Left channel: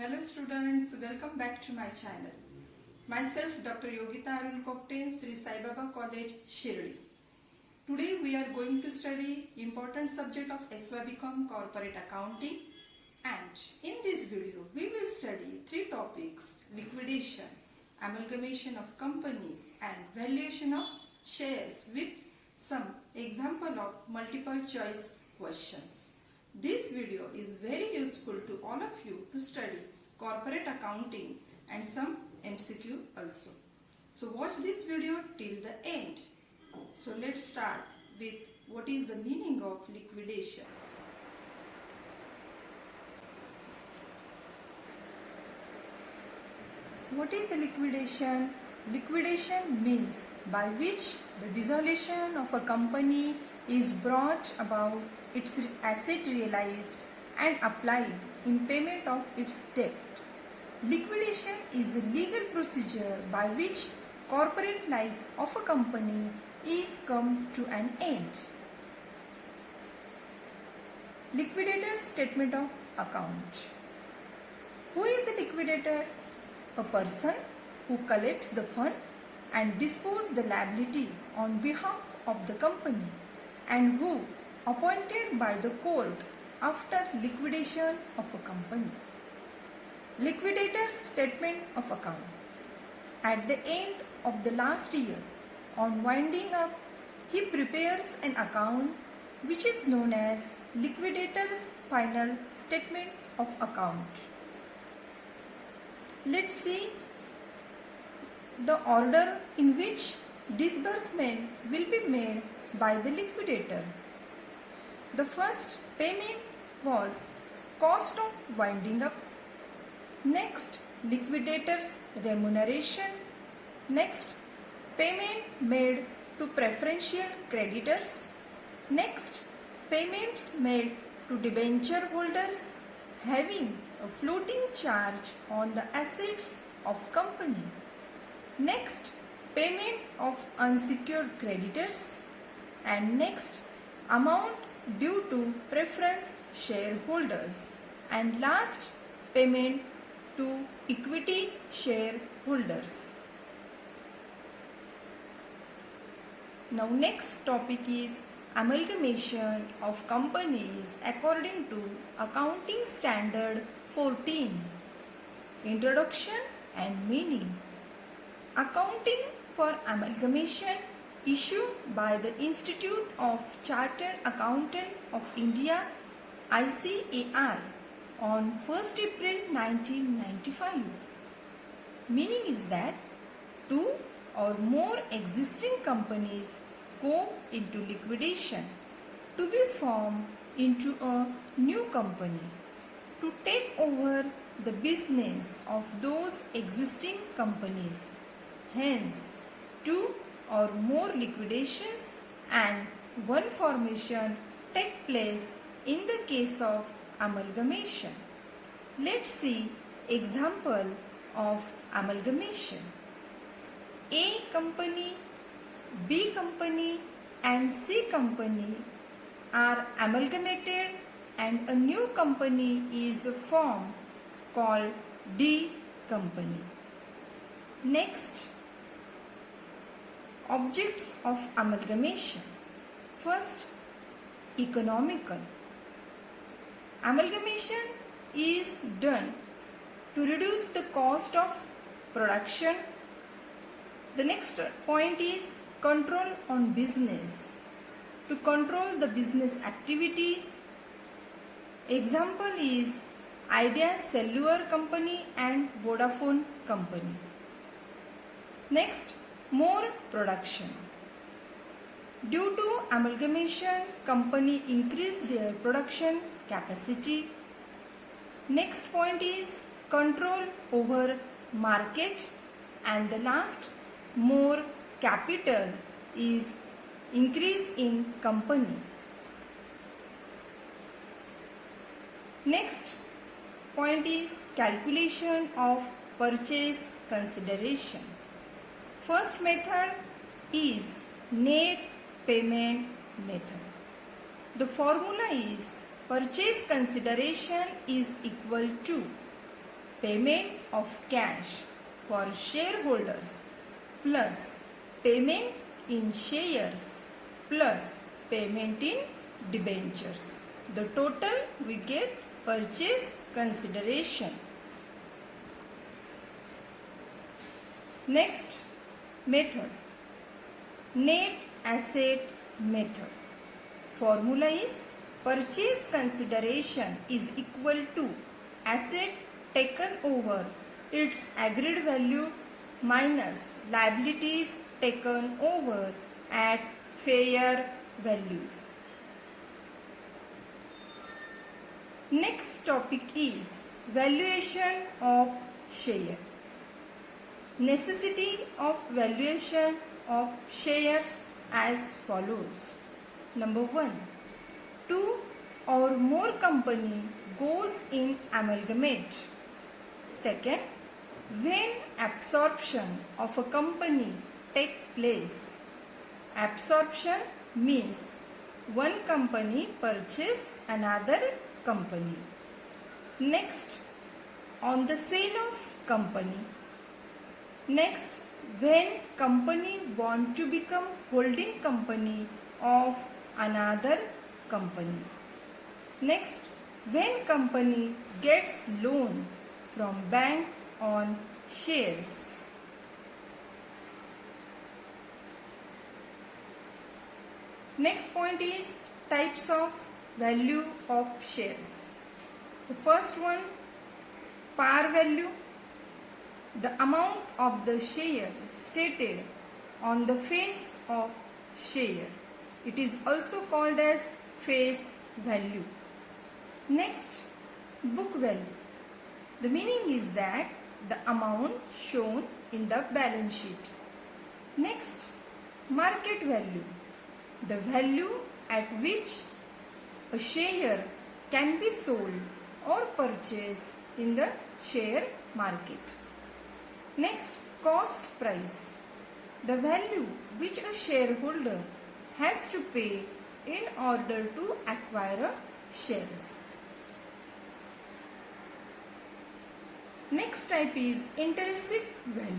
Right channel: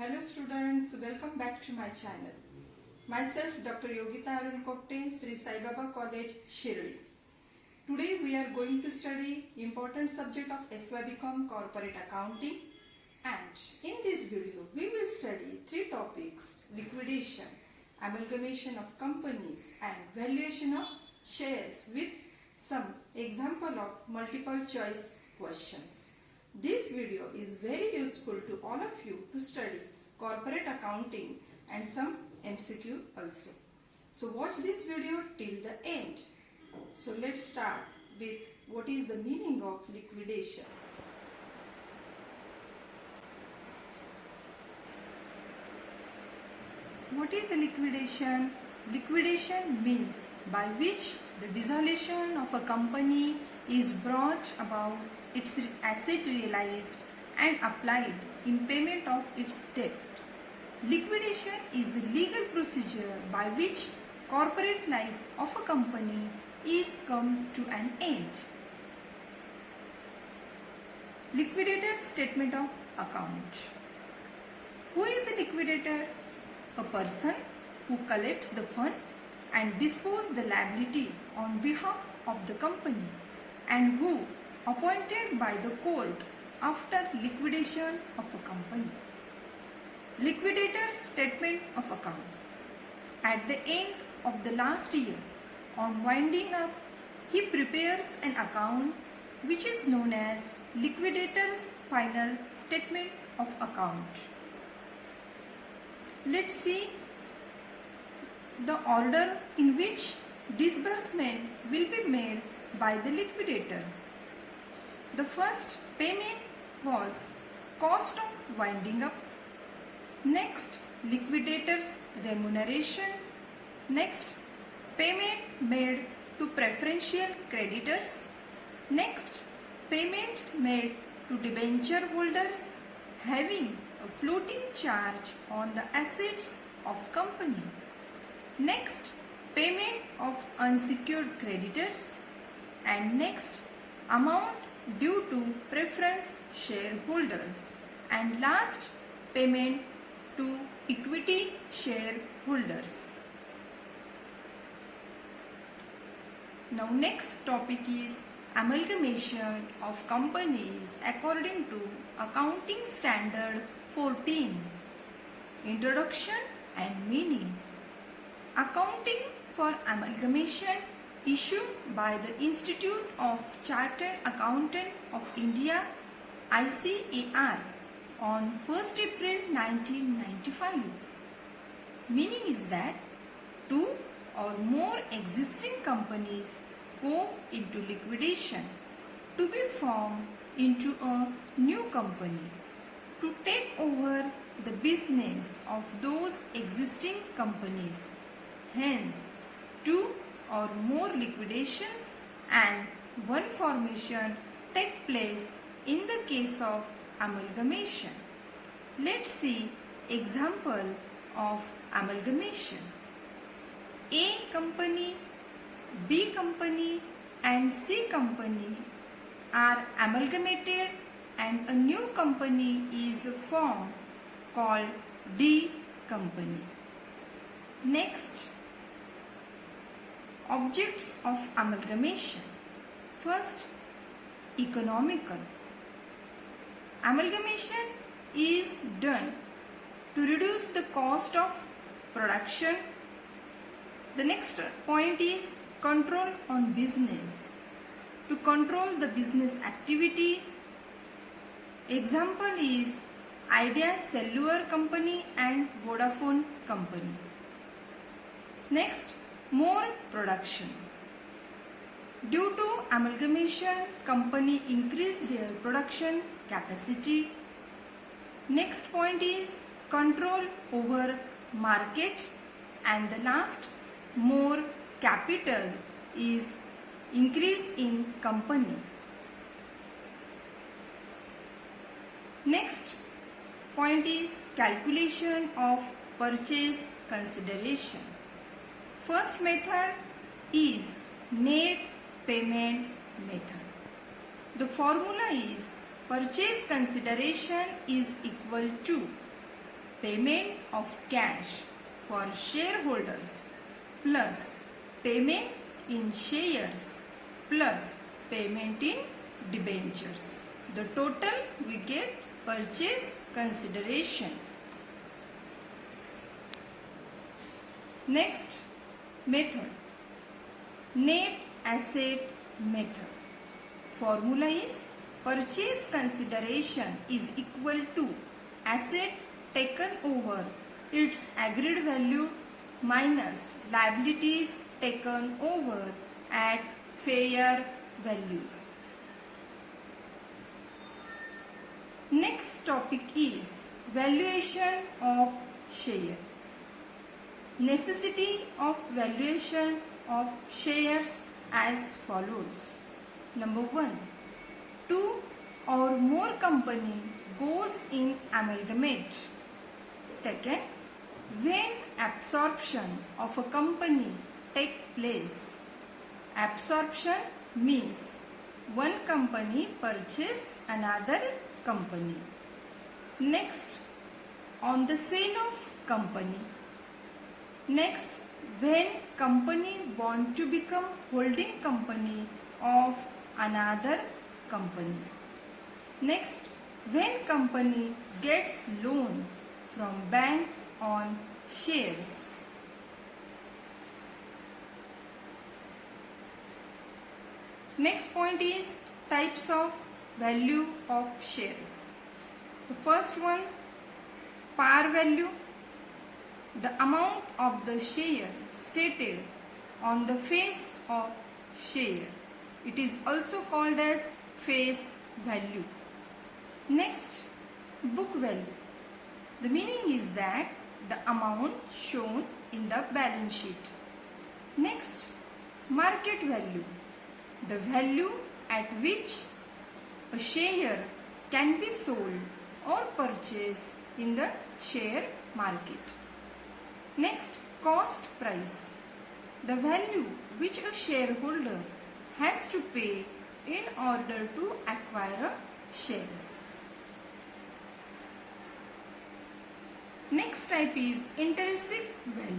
Hello students, welcome back to my channel. Myself Dr. Yogita Arun Kopte, Sri Sai Baba College, Shirdi. Today we are going to study important subject of SYBCom Corporate Accounting, and in this video we will study three topics: liquidation, amalgamation of companies and valuation of shares with some example of multiple choice questions. This video is very useful to all of you to study corporate accounting and some MCQ also. So watch this video till the end. So let's start with what is the meaning of liquidation. What is a liquidation? Liquidation means by which the dissolution of a company is brought about, its asset realized and applied in payment of its debt. Liquidation is a legal procedure by which corporate life of a company is come to an end. Liquidator statement of account. Who is a liquidator? A person who collects the fund and disposes the liability on behalf of the company, and who appointed by the court after liquidation of a company. Liquidator statement of account. At the end of the last year, on winding up, he prepares an account which is known as liquidator's final statement of account. Let's see the order in which disbursement will be made by the liquidator. The first payment was cost of winding up. Next, liquidator's remuneration. Next, payment made to preferential creditors. Next, payments made to debenture holders having a floating charge on the assets of company. Next, payment of unsecured creditors. And next, amount due to preference shareholders. And last, payment to equity shareholders. Now next topic is amalgamation of companies according to Accounting Standard 14. Introduction and meaning. Accounting for amalgamation issued by the Institute of Chartered Accountants of India ICAI on 1st April 1995. Meaning is that two or more existing companies go into liquidation to be formed into a new company to take over the business of those existing companies. Hence, two or more liquidations and one formation take place in the case of amalgamation. Let's see example of amalgamation. A company, B company and C company are amalgamated and a new company is formed called D company. Next, objects of amalgamation. First, economical. Amalgamation is done to reduce the cost of production. The next point is control on business. To control the business activity. Example is Idea Cellular Company and Vodafone Company. Next, more production. Due to amalgamation, company increase their production capacity. Next point is control over market, and the last, more capital is increase in company. Next point is calculation of purchase consideration. First method is net payment method. The formula is purchase consideration is equal to payment of cash for shareholders plus payment in shares plus payment in debentures. The total we get purchase consideration. Next method, net asset method. Formula is purchase consideration is equal to asset taken over its agreed value minus liabilities taken over at fair values. Next topic is valuation of share. Necessity of valuation of shares as follows. Number 1. Two or more company goes in amalgamate. Second, when absorption of a company take place. Absorption means one company purchase another company. Next, on the sale of company. Next, when company want to become holding company of another company. Next, when company gets loan from bank on shares. Next point is types of value of shares. The first one, par value, the amount of the share stated on the face of share. It is also called as face value. Next, book value. The meaning is that the amount shown in the balance sheet. Next, market value. The value at which a share can be sold or purchased in the share market. Next, cost price. The value which a shareholder has to pay in order to acquire shares. Next type is intrinsic value.